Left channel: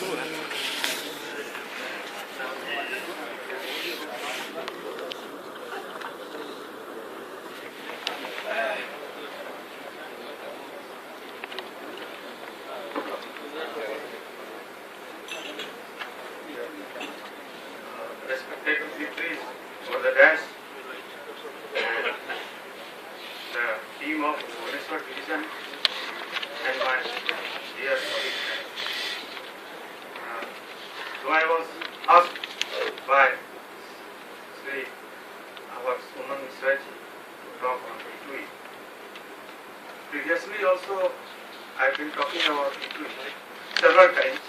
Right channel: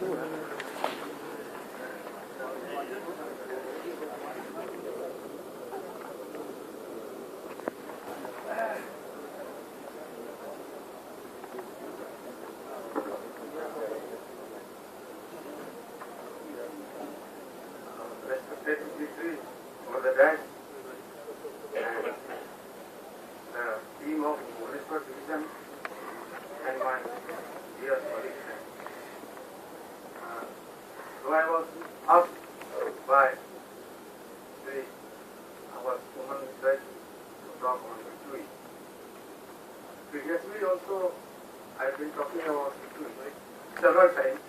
Respected dignitaries over the dais and the team of Bhubaneswar Division and my dear colleagues. So I was asked by Sri our Suman Misraj to talk on E2E. Previously also I have been talking about E2E several times.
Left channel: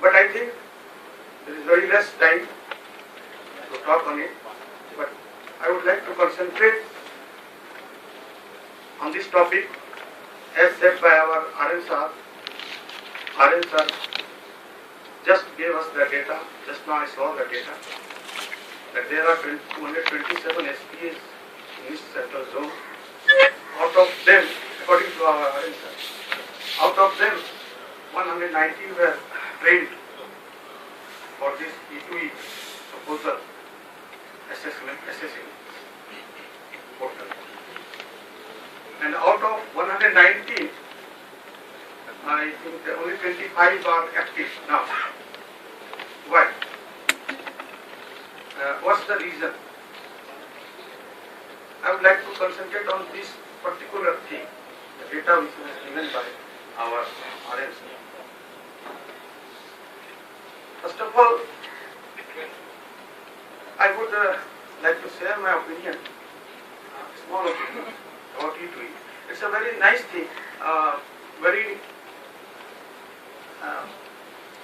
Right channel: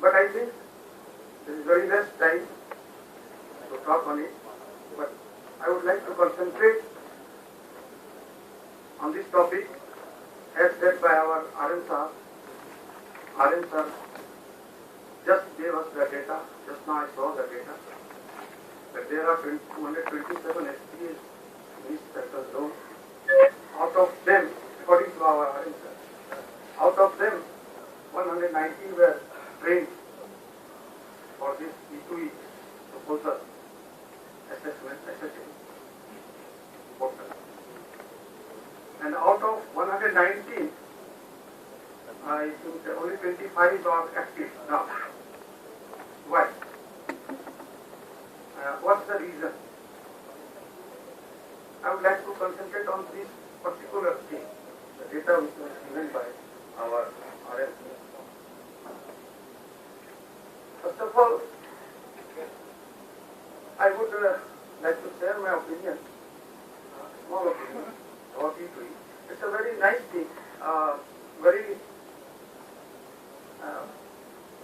But I think there is very less time to talk on it. But I would like to concentrate on this topic as said by our RN Sahab. RN Sir just gave us the data, just now I saw the data, that there are 227 SPAs in this central zone. Out of them, according to our RN Sir, out of them 119 were trained for this E2E proposal assessing portal. And out of 119, I think only 25 are active now. Why? What's the reason? I would like to concentrate on this particular thing, the data which was given by our RMC. First of all, I would like to share my opinion, small opinion about E2E. It's a very nice thing, very,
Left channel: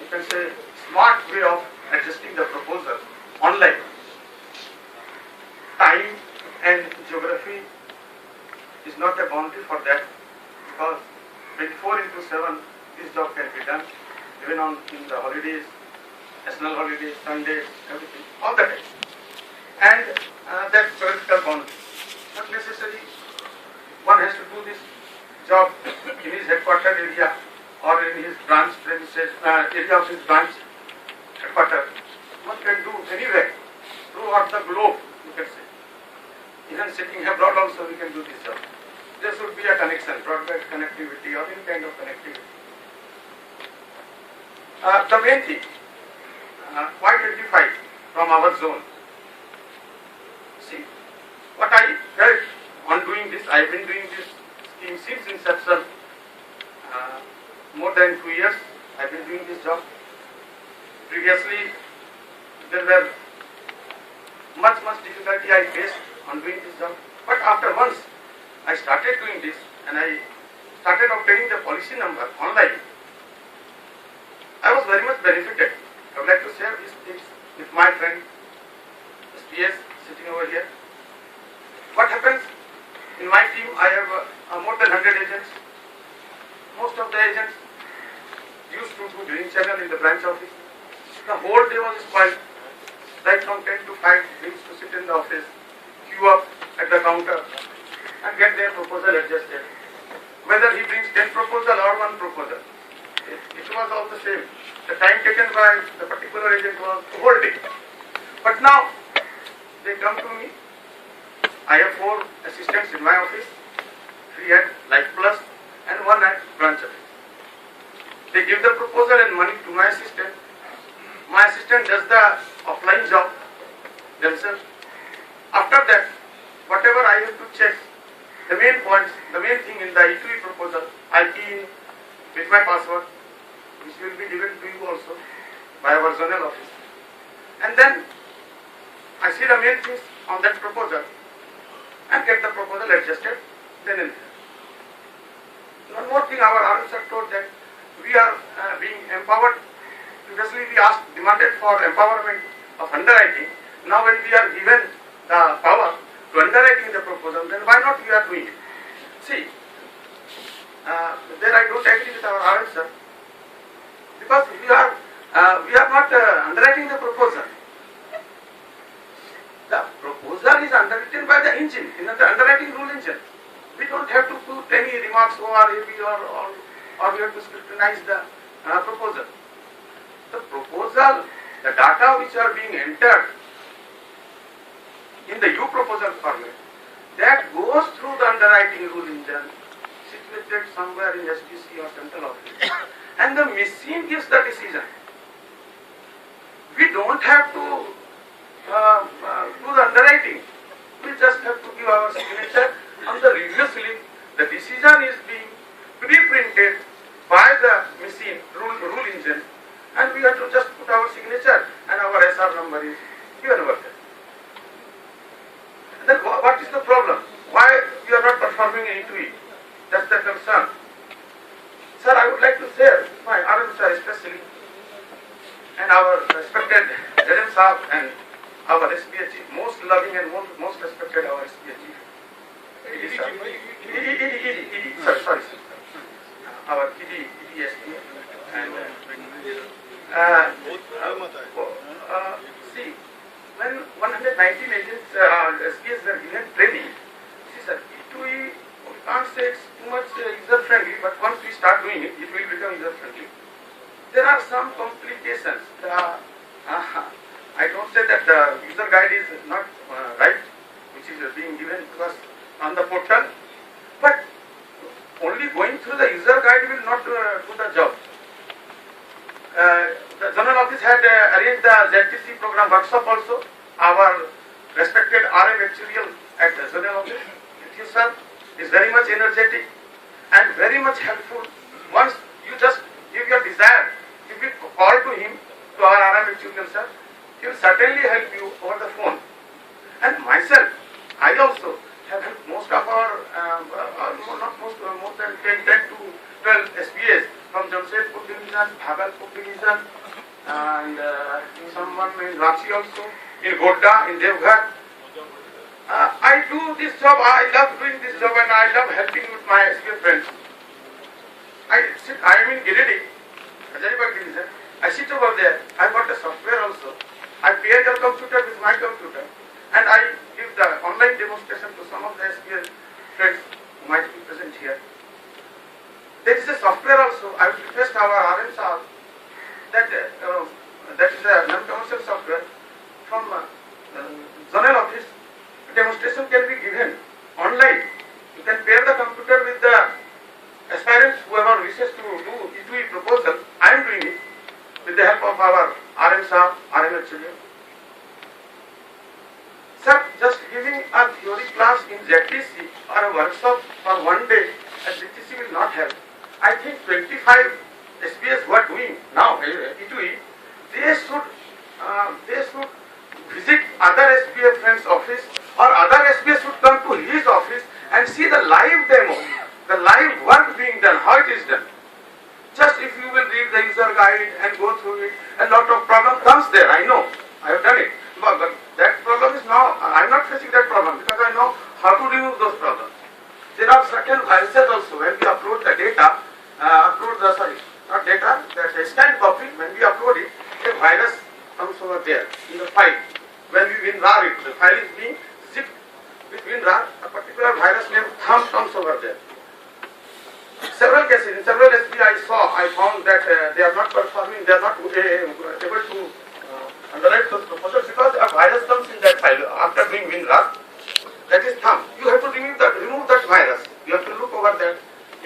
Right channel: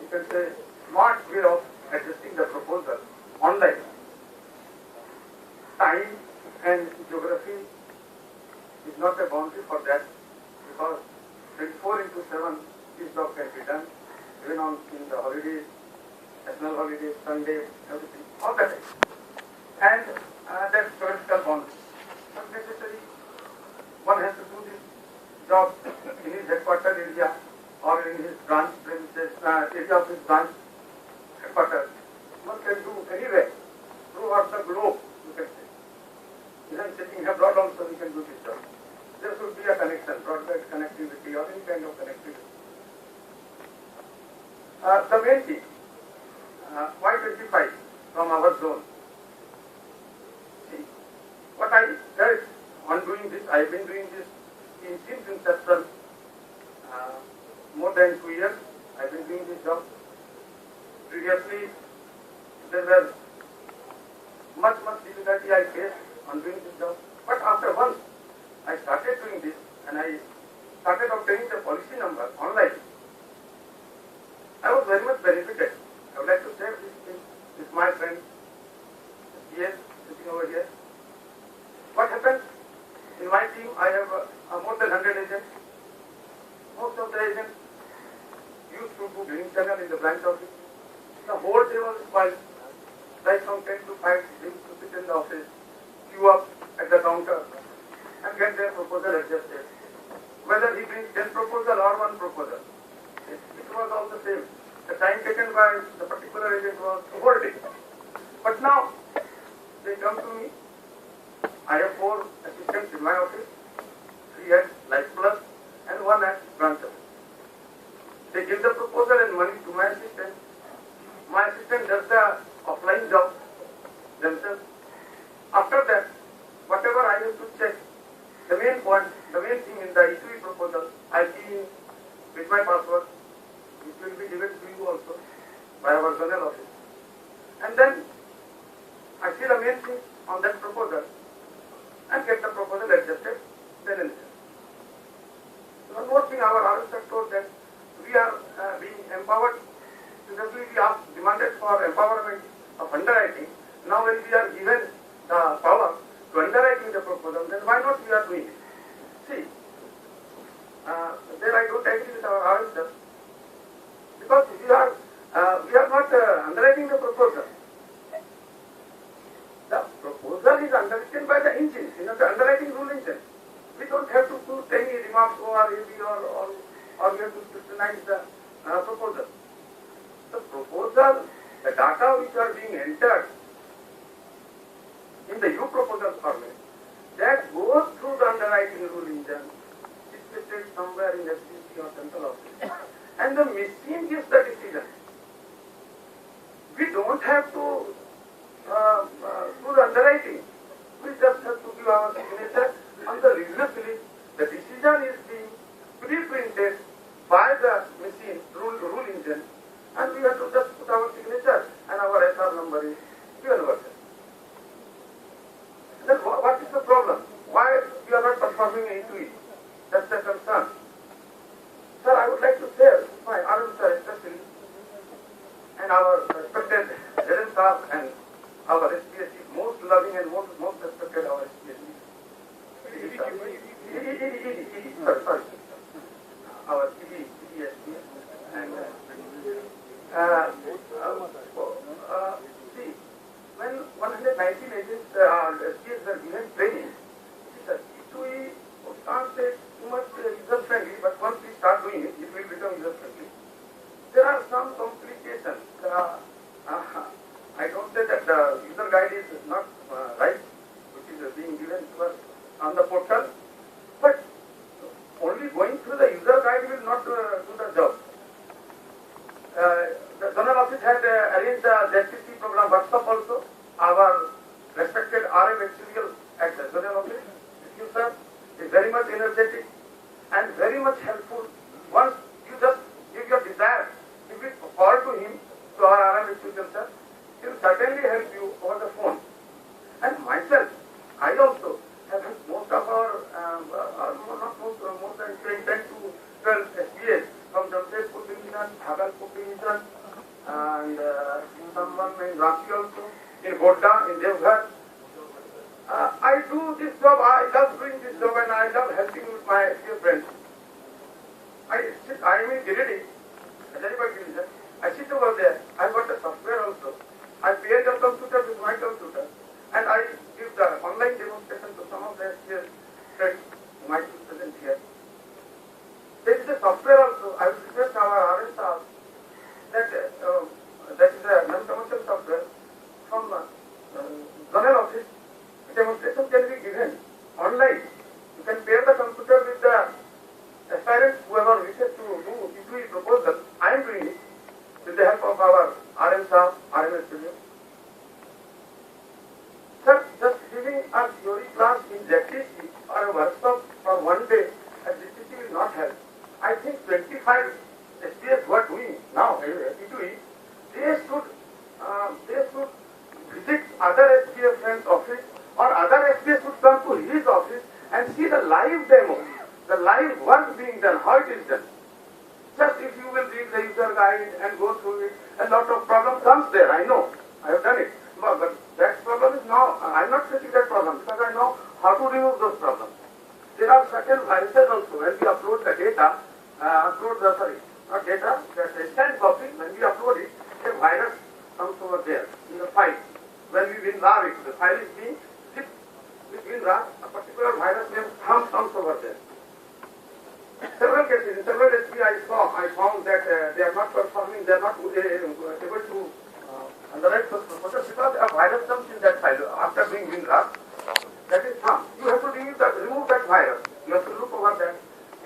you can say, smart way of adjusting the proposal online. Time and geography is not a boundary for that, because 24/7 this job can be done, even in the holidays, national holidays, Sundays, everything, all the time. And that practical boundary. Not necessarily one has to do this job in his headquarter area or in his branch premises, area of his branch headquarter. One can do anywhere throughout the globe, you can say. Even sitting abroad also we can do this job. There should be a connection, broadband connectivity or any kind of connectivity. The main thing, why 25 from our zone? See, what I felt on doing this, I have been doing this scheme since inception, more than 2 years I have been doing this job. Previously, there were much difficulty I faced on doing this job. But after once I started doing this and I started obtaining the policy number online, I was very much benefited. I would like to share these things with my friend SPS sitting over here. What happens in my team? I have more than 100 agents. Most of the agents used to do green channel in the branch office. The whole day was spoiled. Right from 10 to 5, they used to sit in the office, queue up at the counter and get their proposal adjusted. Whether he brings 10 proposal or 1 proposal, it was all the same. The time taken by the particular agent was the whole day. But now, they come to me. I have 4 assistants in my office, 3 at Life Plus and 1 at branch office. They give the proposal and money to my assistant. My assistant does the offline job themselves. After that, whatever I have to check, the main points, the main thing in the E2E proposal, I key in with my password, which will be given to you also by our zonal office. And then I see the main things on that proposal and get the proposal adjusted then and there. One more thing, our RSR told that we are being empowered. Previously we demanded for empowerment of underwriting. Now when we are given the power to underwriting the proposal, then why not we are doing it? See, there I don't agree with our RSR, because we are not underwriting the proposal. The proposal is underwritten by the engine, in the underwriting rule engine. We don't have to put any remarks or we have to scrutinize the proposal. The proposal, the data which are being entered in the U proposal format, that goes through the underwriting rule engine, situated somewhere in SPC or central office, and the machine gives the decision. We don't have to do the underwriting. We just have to give our signature on the review slip. The decision is being pre-printed by the machine rule engine, and we have to just put our signature and our SR number is given over there. Then what is the problem? Why we are not performing E2E? That's the concern. Sir, I would like to share my RM sir especially and our respected Jaden Saab and our SPA chief, most loving and most respected our SPA chief. Sorry. Our ED SPA. And see, when 119 agents, SPAs were given training, see sir, E2E, we can't say it's too much user friendly, but once we start doing it, it will become user friendly. There are some complications. I don't say that the user guide is not right, which is being given to us on the portal, but only going through the user guide will not do the job. The General Office had arranged the ZTC program workshop also. Our respected RM Actuarial at the General Office, you sir, is very much energetic and very much helpful. Once you just give your desire, if you call to him, to our RM Actuarial sir, he will certainly help you over the phone. And myself, I also have helped most of our, more than 10 to 12 SPAs from Jamshedpur division, Bhagalpur division, and someone in Ranchi also, in Godda, in Devghar. I do this job, I love doing this job and I love helping with my SPA friends. I am in Girirdi, Hajaribagh division. I sit over there, I got a software also. I pair your computer with my computer and I give the online demonstration to some of the SPA friends who might be present here. There is a software also. I would request our RM sir that that is a non-commercial software from Zonal Office. Demonstration can be given online. You can pair the computer with the aspirants, whoever wishes to do E2E proposal. I am doing it with the help of our RM sir, RM Actuarial. Sir, just giving a theory class in ZTC or a workshop for one day at ZTC will not help. I think 25 SPAs who are doing now E2E, they should visit other SPA friends' office or other SPA should come to his office and see the live demo, the live work being done, how it is done. Just if you will read the user guide and go through it, a lot of problem comes there, I know, I have done it. But that problem is now, I am not facing that problem because I know how to remove those problems. There are certain viruses also when we upload the data, the scanned copy, when we upload it, a virus comes over there in the file. When we WinRAR it, the file is being zipped with WinRAR, a particular virus named Thumb comes over there. Several cases, in several SPA I found that they are not performing, they are not able to underwrite those proposals because a virus comes in that file after doing WinRAR. That is Thumb. You have to remove that virus. You have to look over that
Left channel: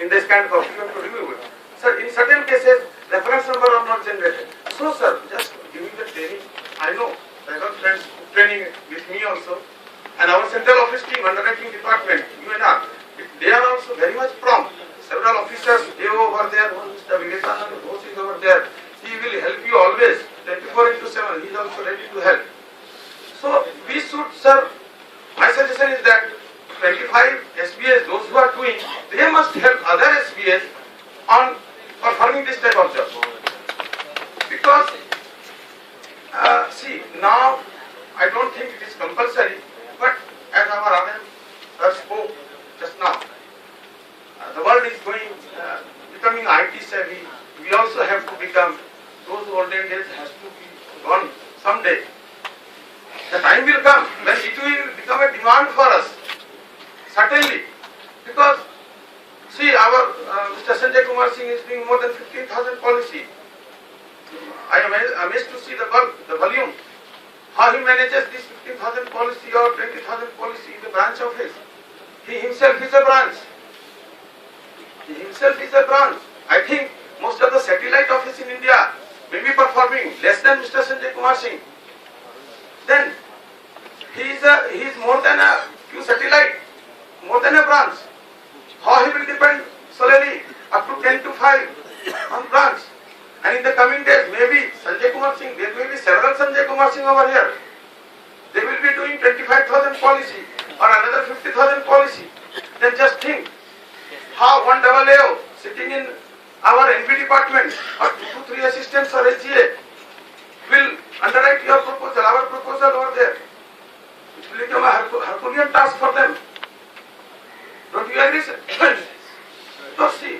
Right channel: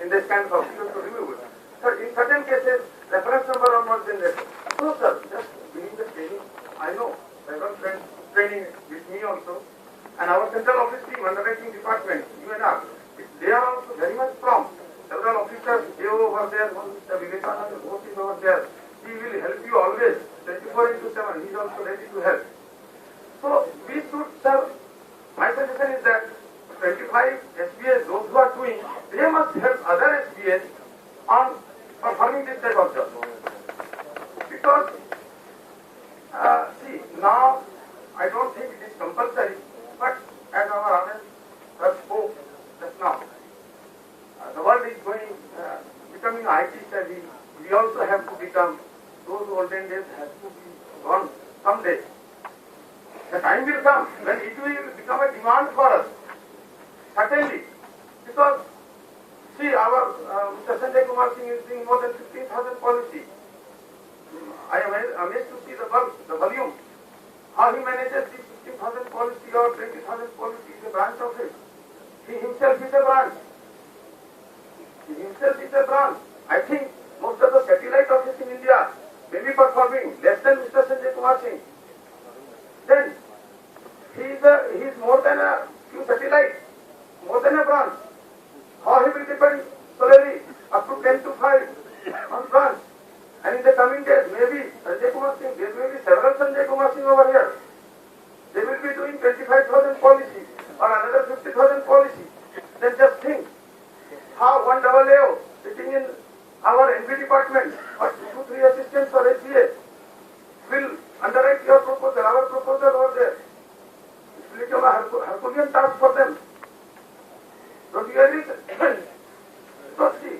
in the scanned copy, you have to remove it. Sir, in certain cases, reference number are not generated. So, sir, just giving the training. I know I have friends training with me also, and our central office team, underwriting department, UNR, they are also very much prompt. Several officers, they over there, one is the Vivekanand, Ghosh is over there. He will help you always, 24/7. He is also ready to help. So, we should, sir, my suggestion is that 25 SPAs, those who are doing, they must help other SPAs on performing this type of job. Because, see, now, I don't think it is compulsory, but as our RM spoke just now, the world is becoming IT savvy. We also have to become, those olden days has to be gone someday. The time will come when it will become a demand for us. Certainly. Because our Mr. Sanjay Kumar Singh is doing more than 15,000 policy. I am amazed to see the bulk, the volume, how he manages this 15,000 policy or 20,000 policy in the branch office. He himself is a branch. He himself is a branch. I think most of the satellite office in India may be performing less than Mr. Sanjay Kumar Singh. Then he is more than a few satellite, more than a branch. How he will depend solely up to 10 to 5 on branch. And in the coming days, maybe Sanjay Kumar Singh, there may be several Sanjay Kumar Singh over here. They will be doing 25,000 policy or another 50,000 policy. Then just think how one AO sitting in our NB department or 2 to 3 assistants or SGA will underwrite your proposal, our proposal over there. It will become a Herculean task for them. Don't you agree, sir? So see,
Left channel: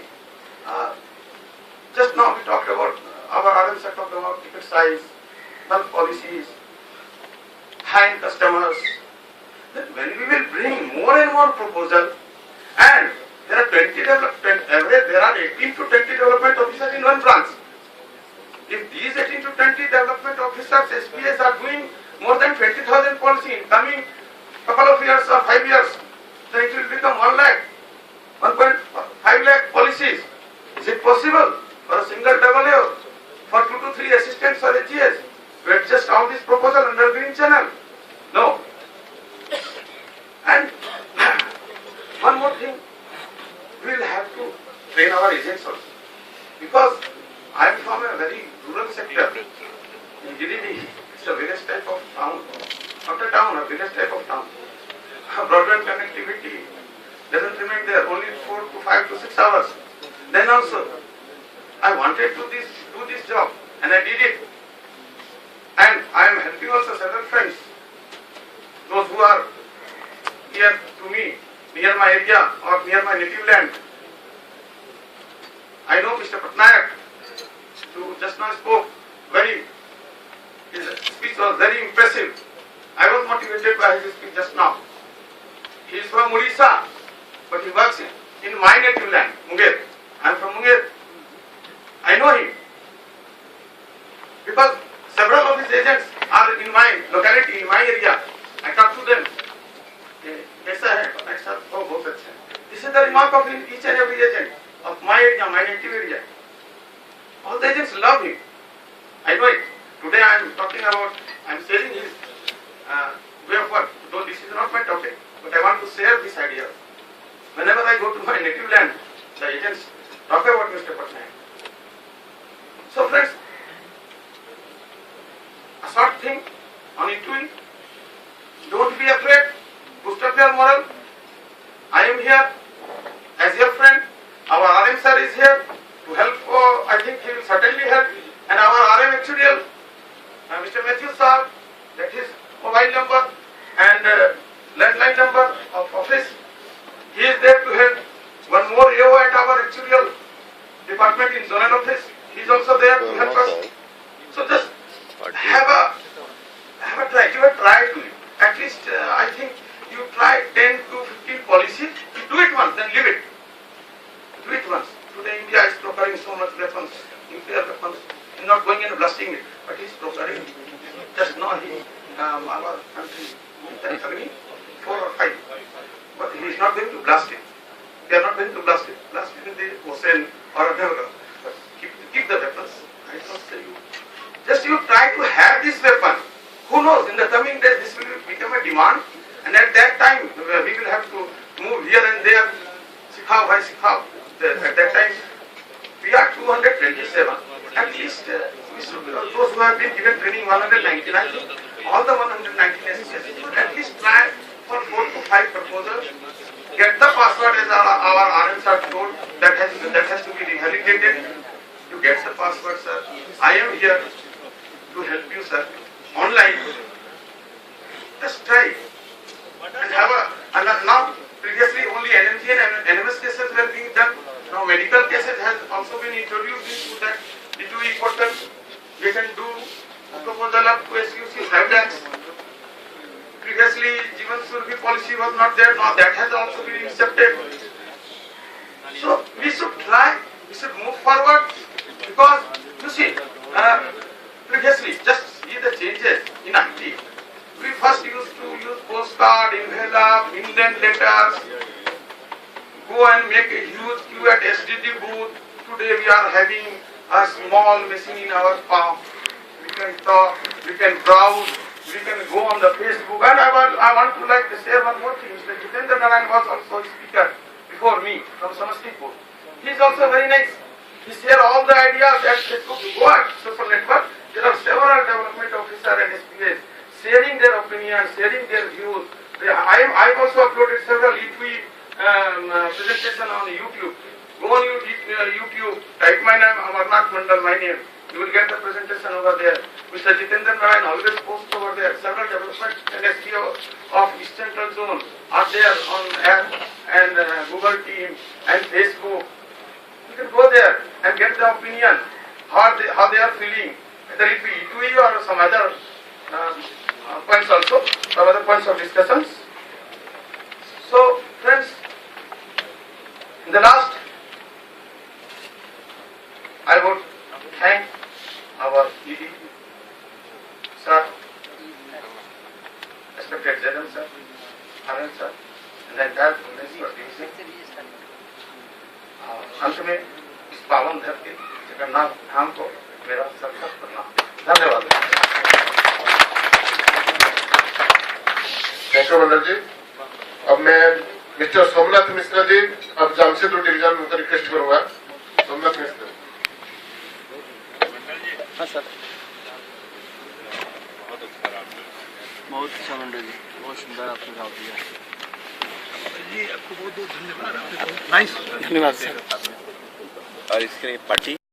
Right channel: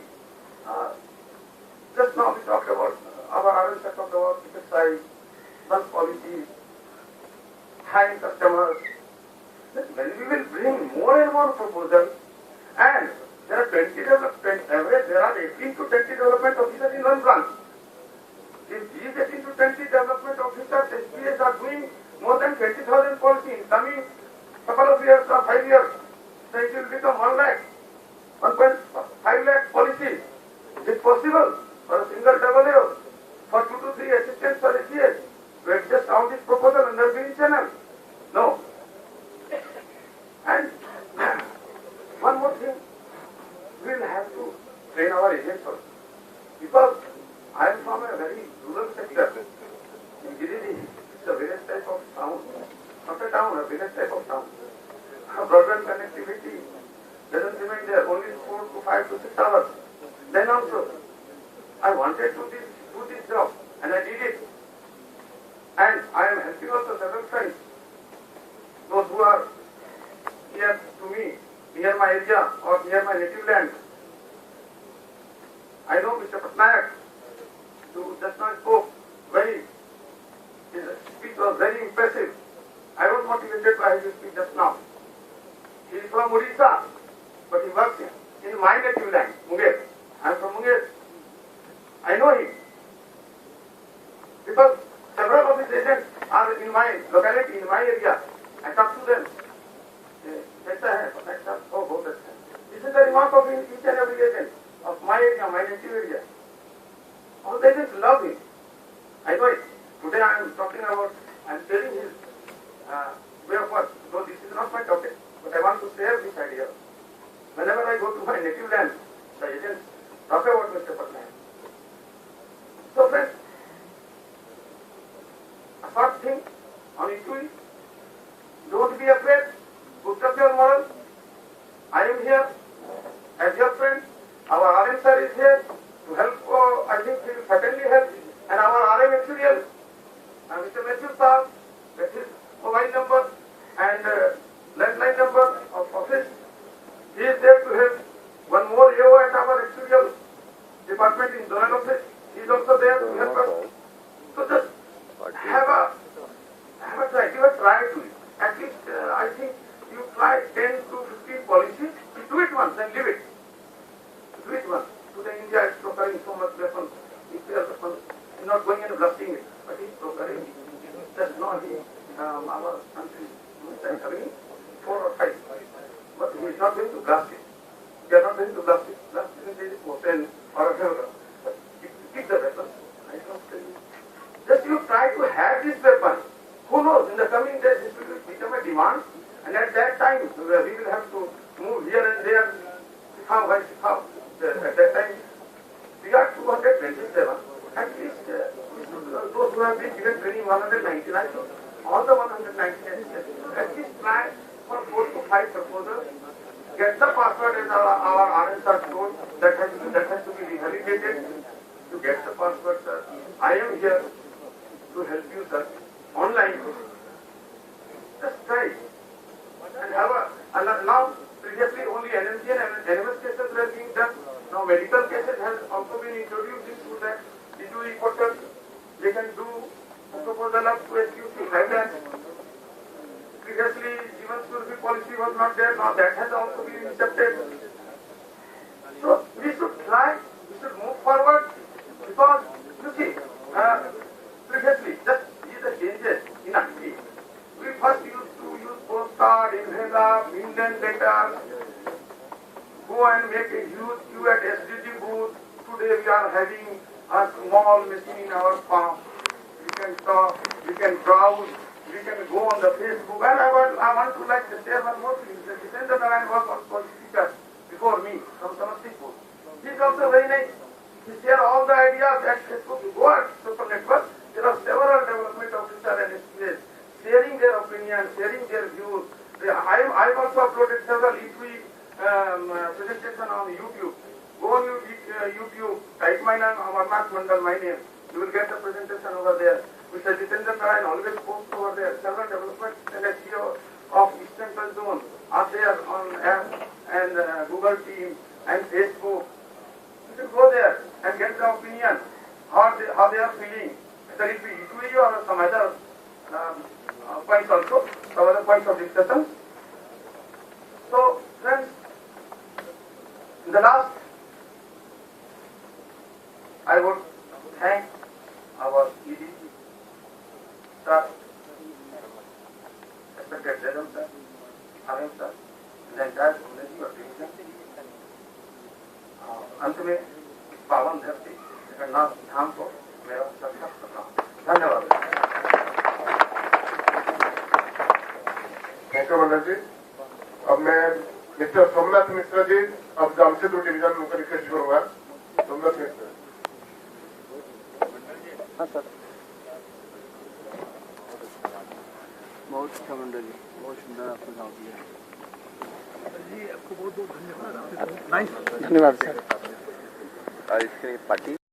just now we talked about, our RMs have talked about ticket size, bulk policies, hand customers. Then when we will bring more and more proposal, and there are 18 to 20 development officers in one branch. If these 18 to 20 development officers, SPAs are doing more than 20,000 policy in coming couple of years or 5 years, then it will become 1 lakh, 1.5 lakh policies. Is it possible for a single AO, for 2 to 3 assistants or SGAs to adjust all these proposals under green channel? No. And one more thing, we will have to train our agents also. Because I am from a very rural sector. In Giridih, it's a village type of town. Not a town, a village type of town. Broadband connectivity doesn't remain there, only 4 to 5 to 6 hours. Then also, I wanted to do this job, and I did it. And I am helping also several friends, those who are near to me, near my area or near my native land. I know Mr. Patnaik, who just now spoke, his speech was very impressive. I was motivated by his speech just now. He is from Odisha, but he works in my native land, Munger. I am from Munger. I know him. Because several of his agents are in my locality, in my area. I talk to them. This is the remark of each and every agent of my area, my native area. All the agents love him. I know it. Today I am talking about, I am sharing his way of work. Though this is not my topic, but I want to share this idea. Whenever I go to my native land, the agents talk about Mr. Patnaik. So friends, a short thing on ITUI. Don't be afraid. Boost up your moral. I am here as your friend. Our RM sir is here to help. I think he will certainly help. And our RM actuarial, Mr. Matthew sir, that is mobile number and landline number of office. He is there to help. One more AO at our actuarial department in zonal office. He is also there to help us. So just have a try. Give a try to it. At least I think you try 10 to 15 policies. You do it once, then leave it. Do it once. Today India is procuring so much weapons, nuclear weapons. He's not going and blasting it, but he's procuring. Just now our country, 4 or 5. But he is not going to blast it. They are not going to blast it. Blast it in the ocean or whatever. Keep the weapons. I don't say you. Just you try to have this weapon. Who knows, in the coming days this will become a demand, and at that time we will have to move here and there. Sikhao bhai sikhao. At that time we are 227. At least we should, those who have been given training 199, all the 119 SCS, at least try for 4 to 5 proposals. Get the password as our RMs are told. That has to be revalidated. To get the password, sir. I am here to help you, sir. Online. Just try. And have now previously only NMG and NMS cases were being done. Now medical cases has also been introduced into that ITUI portal. We can do a proposal up to SUC 5 lakhs. Previously Jivan Survi policy was not there. Now that has also been accepted. So we forward because you see, previously, just see the changes in IT. We first used to use postcard, envelope, indent letters, go and make a huge queue at SDD booth. Today we are having a small machine in our palm. We can talk, we can browse, we can go on the Facebook. And I want to like to share one more thing. Mr. Jitendra Narayan was also a speaker before me from Samastipur. He is also very nice. He shared all the ideas that Facebook go at social network. There are several development officers and SPAs sharing their opinions, sharing their views. I also uploaded several e-tweet presentation on YouTube. Go on YouTube, type my name, Amarnath Mandal, my name. You will get the presentation over there. Mr. Jitendra Narayan always posts over there. Several development and SPO of East Central Zone are there on app and Google Team and Facebook. You can go there and get the opinion, how they are feeling, whether it be E2E or some other points also, some other points of discussions. So, friends, in the last, I would thank our ED, sir, respected Zedam sir, Anand sir, and the entire community. अंत में इस पावन धरती जगन्नाथ धाम को मेरा सत्कार करना। धन्यवाद। थैंक यू मंडल जी। अब मैं मिस्टर सोमनाथ मिश्रा जी, अब जामशेदपुर डिवीजन में रिक्वेस्ट करूंगा। सोमनाथ मिश्रा। हाँ सर। बहुत अच्छा मंडल जी, बहुत सुंदर आपने गाँव दिया। धन्यवाद सर। और इसके लिए पार्टी